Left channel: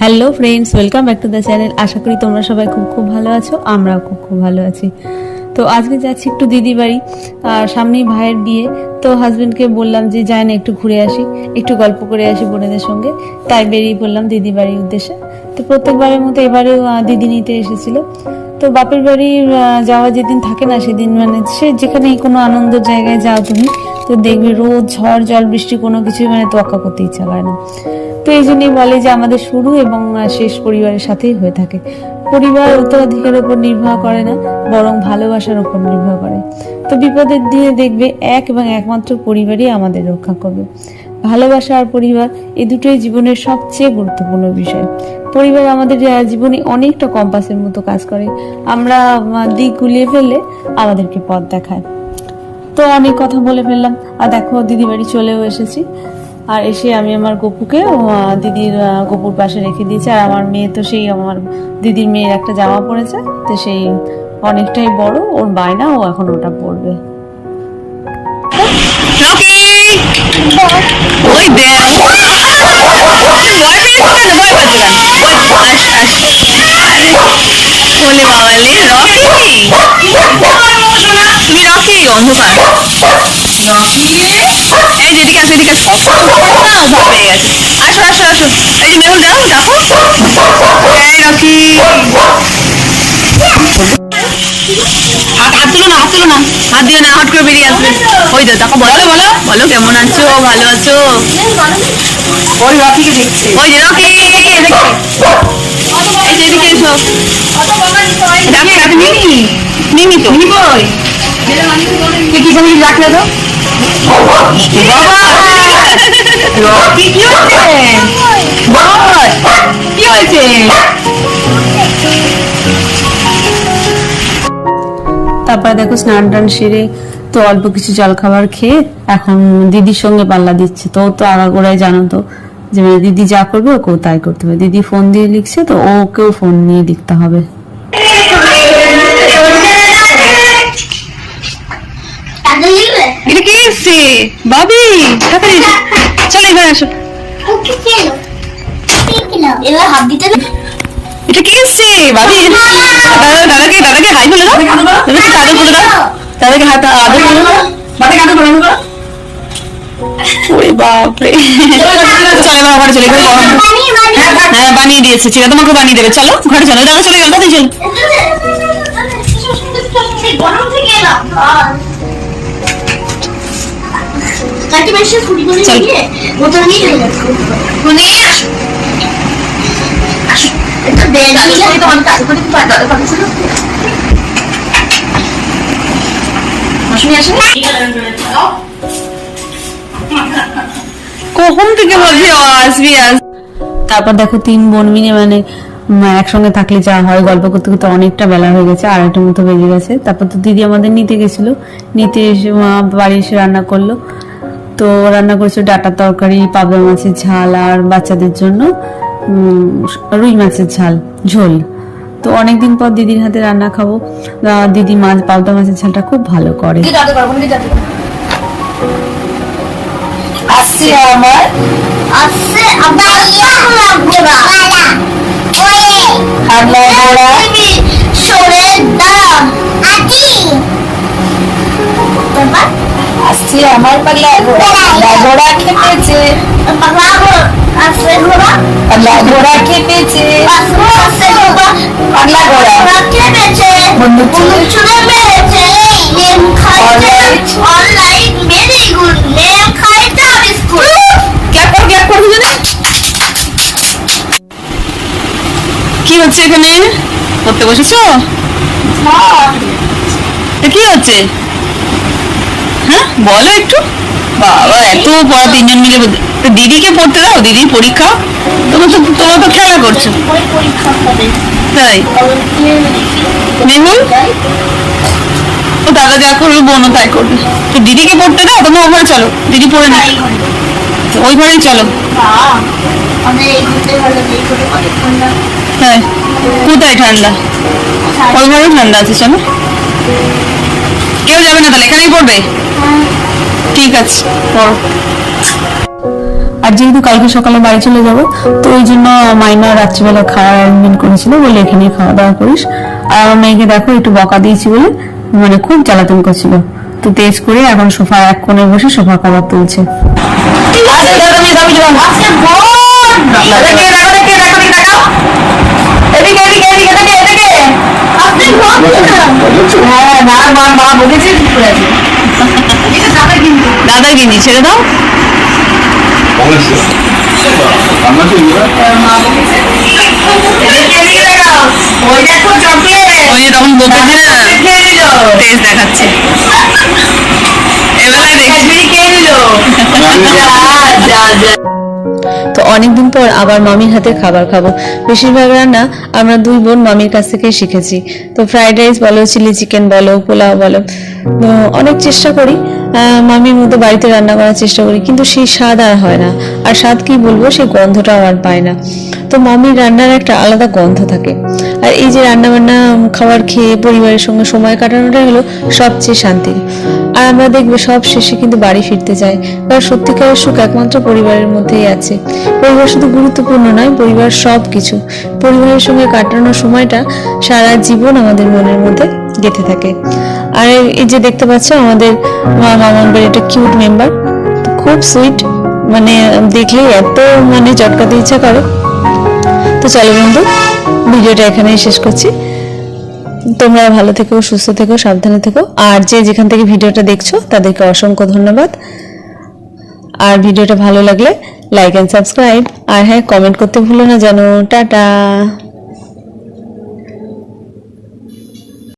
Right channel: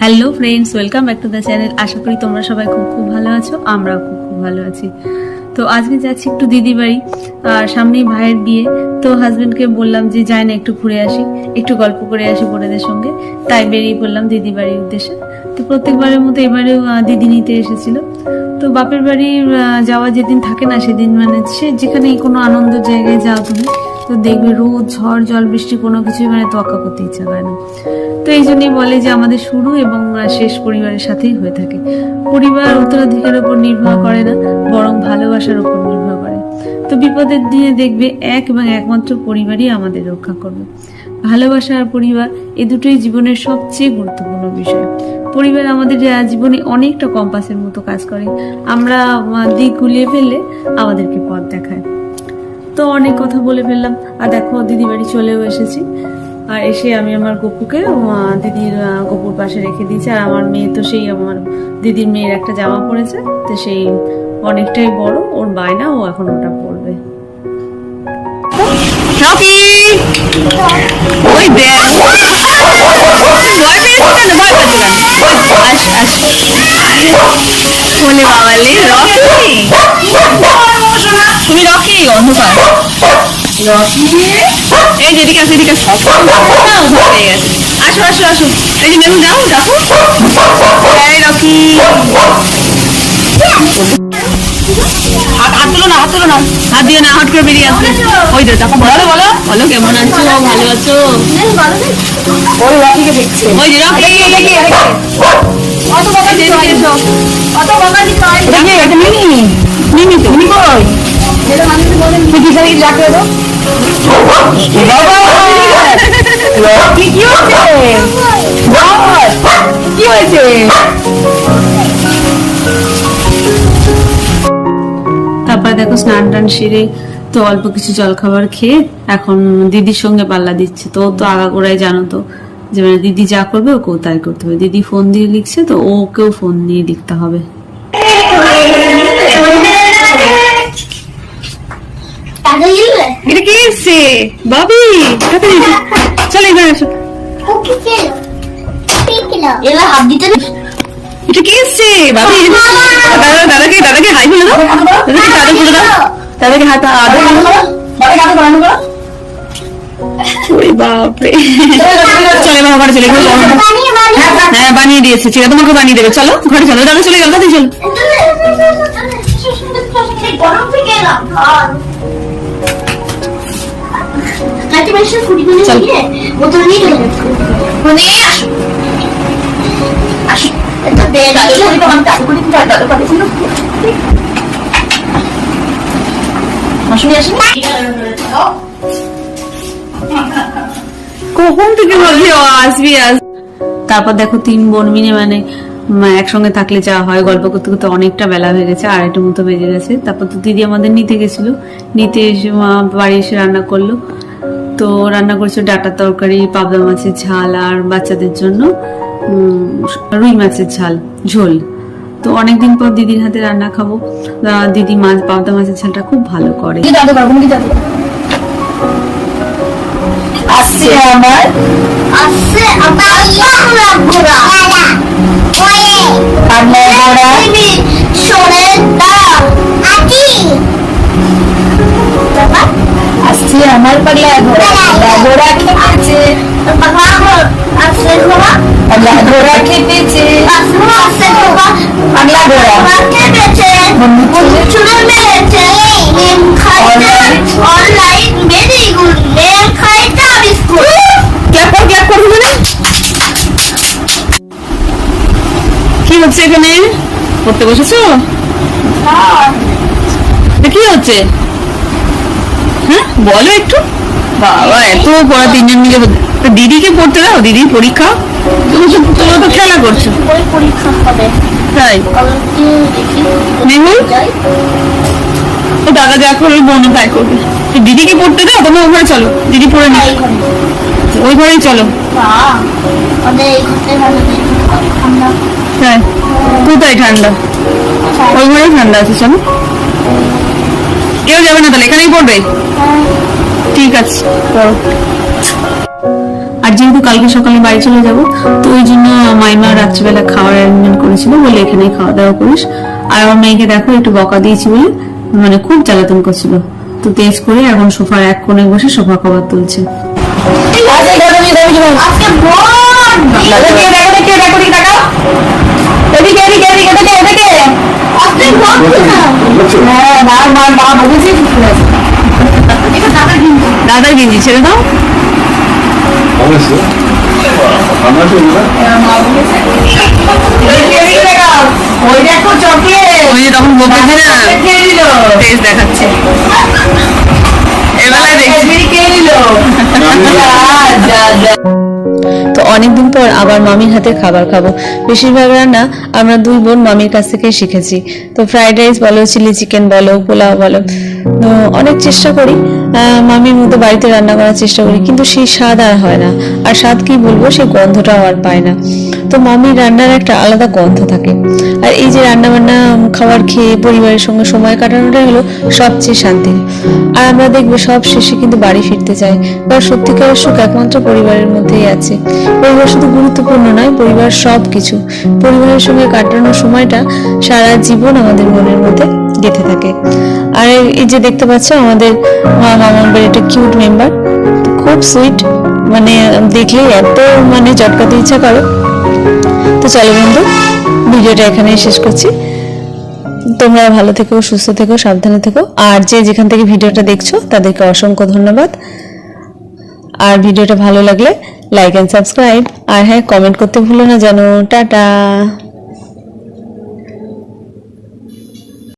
Hello friends, welcome back to the channel. আশা করি তোমরা সবাই খুব খুব ভালো আছো। আমরাও খুব খুব ভালো আছি। তো আজকে যাচ্ছি একটু দিদি বাড়ি, আর সামনেই ভাইয়ের বিয়ে। তো হাজবেন্ডকে বললাম যে যাই না একটু ঘুরে আসি, একটু গল্প করে আসি বোনেদের সঙ্গে। তাই বেরিয়ে পড়লাম দিদি বাড়ির উদ্দেশ্যে। তো প্রত্যেকবারের মতো এবারেও দিদি নিতে এসেছিল। তো বাপের বাড়ি যাওয়া যেদিন থাকে না সেদিন মানে সে যেখানে কোনো আনন্দ জায়গায় যাও তুমি, তো দেখবে রোদ ঝড় জল বৃষ্টি কোনো কিছুই মানে তোয়াক্কা করতে ইচ্ছা করে না। তো এই জন্যই বলে যে আমাদের শুরু এবং শেষ পরিবারের সাথেই হয়ে থাকে। পরিবার উত্তরাধিকারের উপর নির্ভর করে না, বরং ভালোবাসার উপর নির্ভর করে। তো বিপদের দিনে দেখবে এক এবং একমাত্র পরিবারই আমাদের রক্ষা করবে। ভালোবাসা আর পরিবার এই দুটোই জীবনের সবচেয়ে গুরুত্বপূর্ণ বিষয়। পরিবার আমাদের জীবনে অনেকটা কম্পাসের মতো কাজ করে। আমরা দিক গুলিয়ে ফেললে আমাদেরকে পথ দেখায়। তো অনেক কথা বলে ফেললাম, আর দেখো দিদি বাড়ি চলেও এসেছি। আর এসে আমি আমার গপুকে দিদির গপুর পাশে রেখে দিয়েছি। আর আমার মেয়ে তো সেই আমার দিদির মেয়ের একটা জামা পরেছে, তো সেই অনেকটাই বড়, ওর বায়না, ও এখন ওটা পরবে। রকি ওই দেখ ভয় পেয়েছে কেন, ভয় পাচ্ছে কেন? বলে বাবালে রকি, তুমি রকি অন্ধকার এই যেদিকে আসো, এদিকে আসো, ভয় পেয়ে গেছে। আসো আসো আসো, এই যে মেরুন যাও দেখো, এই রকি হাত তুলো না, হাত তুলো না, হাত দিও না, হট করে বেরিয়ে আসবে। ওই তো দেখো, বলো বলো বলো কেমন আছো, ভালো আছো? ওই যে রকি, মিমি তো তুই কি জানি রাখলে তো কি হয়েছে? তারপরে দেখো স্নান টান সেরে তো অল্প কিছু জলখাবার খেয়ে এখন দিদির সঙ্গে পাল্লা দিচ্ছে। তো তো আগাগোড়ায় জানো তো যে মানে দিদি যা করবে ওকেও তাই করতে হবে। দিদি ফোন দিয়ে লিখছে, তো ওকেও ফোন নিয়ে লিখতে হবে। এটা কি এসছে বাবি? চলো এখানে আসো। এটা কি এসছে বাবি? দাদাকে দাদাকে হাই বলে দাও, দাদাকে আদর করে দাও, দাদাকে হাত আদর করে দাও, দাদাকে আদর করে দাও। ওরে বাপরে, চলে বাবা ঘরে চলে গেল। হ্যাঁ বানিয়ে দিয়েছে, চিরা তোমাকে বানিয়ে দেবে। চলো ঘরে চলো, দাদা চলে গেল, দাদি চলো। কখন থেকে বলছি আসবি আস। তারপর দেখো তিন বোন মিলে মানে একসঙ্গে থাকলে যা হয়, গল্প করতে করতে অনেকটা বেলা হয়ে গেছে, 2:30 মতো বেজে গেছে। তারপর তো দিদি আমাদের নিতে গেছিল, নিতে এসে বাড়ি এসে রান্না করলো। তো রান্না করছে ডাঁটার তরকারি, পাবদা মাছের ঝাল, আর বাচ্চাদের জন্য রুই মাছের ঝোল। তো অনেকদিন পর দিদির হাতে রান্না খাবো। দিদি মাছ পাবদা মাছের ঝালটা খুব ভালো করে। আমার পাগলা ঘোড়া খেপেছে, পাগলা ঘোড়া খেপেছে, পাগলা ঘোড়া খেপেছে, চুলে মেরেছে, লেম খাইতে অনলাইন ভেরি গুড, লেম খাইতে বিস্কুট। ক্ল্যাপ কর দিলে। কি হচ্ছে এখানে? পড়তে বসেছো? কি হচ্ছে? হ্যাঁ বলো একটু। বাবা এত পড়া, তিনজন মিলে। দিদিকে পড়তে দাও, দিদির পরীক্ষা। তোমরা তো খেলা করছো। তাই মেহুল ও দাদা যা করবে বোনও তাই করবে। তো দিদিকে পড়তে দাও, তোমরা ওই ঘরে চলো, দিদি পড়ে নি, ওই ঘরেই চলো। তাই কোথায় ঠান্ডা? ওই ঘরেই ঠান্ডা আছে, চলো। কেউ যাবে না তাহলে, এখানেই পড়বে? ঠিক আছে পড়ো। আর যেহেতু কালকে সকালে বাড়ি চলে যাব, তো ওই জন্য মাইমা রাত্রিবেলা খাওয়ার অ্যারেঞ্জমেন্ট করেছিল, বলে এখানেই খাওয়া দাওয়া করিস। আর আমার মেয়েকে দেখো একটু বকা দিয়েছি বলে মানে খুব জ্বালাতন করছিল, তো তেজ করে এখন সোফা এক কোণে বসে সোফা কভার তুলছে। দাদা গিঞ্জি ছেড়ে দাও। ওই যে তখন বকেছে না, তেজ দেখাচ্ছে, এবেলায় দেখছি। তো অনেকদিন পর আবার মামির হাতে খাবার খাবো। বেশিরভাগ রান্না আমরা দুই বোন মামির কাছ থেকে শিখেছি। তো ফ্রাইড রাইস বলো, চিলি চিকেন বলো, পোলাও বলো, তো অনেক চেষ্টা করি মামির মতো বাড়িতে রান্না করার চেষ্টা করি, কিন্তু সেই স্বাদ আর হয় না। আর স্বাদ কি বলবো, সেই গন্ধটাও আর পায় না। তো মামির রান্নার একটা আলাদা গন্ধ থাকে। আর এই যে রান্না বান্না খাবার খেয়ে পরিবারের সঙ্গে সময় কাটানোটাই হলো সবচেয়ে শান্তির। আর আমরা দেখবে সব শেষে কিন্তু বাড়ি ফিরতে চাই, কারণ সত্যিকারের সুখ একমাত্র পরিবারের মধ্যেই আছে। পরিবার শুধু গুরুত্বপূর্ণ নয়, পরিবার সব কিছু। পরিবারের সঙ্গে কাটানোর সময়টা সারা জীবন আমাদের মনের মধ্যে গেঁথে থাকে। আর এই যে দেখতে পাচ্ছ আমাদের মামার বাড়ির একটা কিউট মেম্বার, খুব সুইট, মানে দেখলেই এত মানে চটকাতে ইচ্ছা করে। তো চলো বন্ধু, ভিডিওটা এখানেই শেষ করছি। তোমরা ভালো থেকো, সুস্থ থেকো, সাবধানে থেকো। আর যে যেখান থেকে ভিডিওটা দেখছো তাদেরকে অসংখ্য ধন্যবাদ। আর ভিডিওটা ভালো লাগলে লাইক এন্ড সাবস্ক্রাইব, আর হ্যাঁ কমেন্ট করতে ভুলো না যেন। টাটা।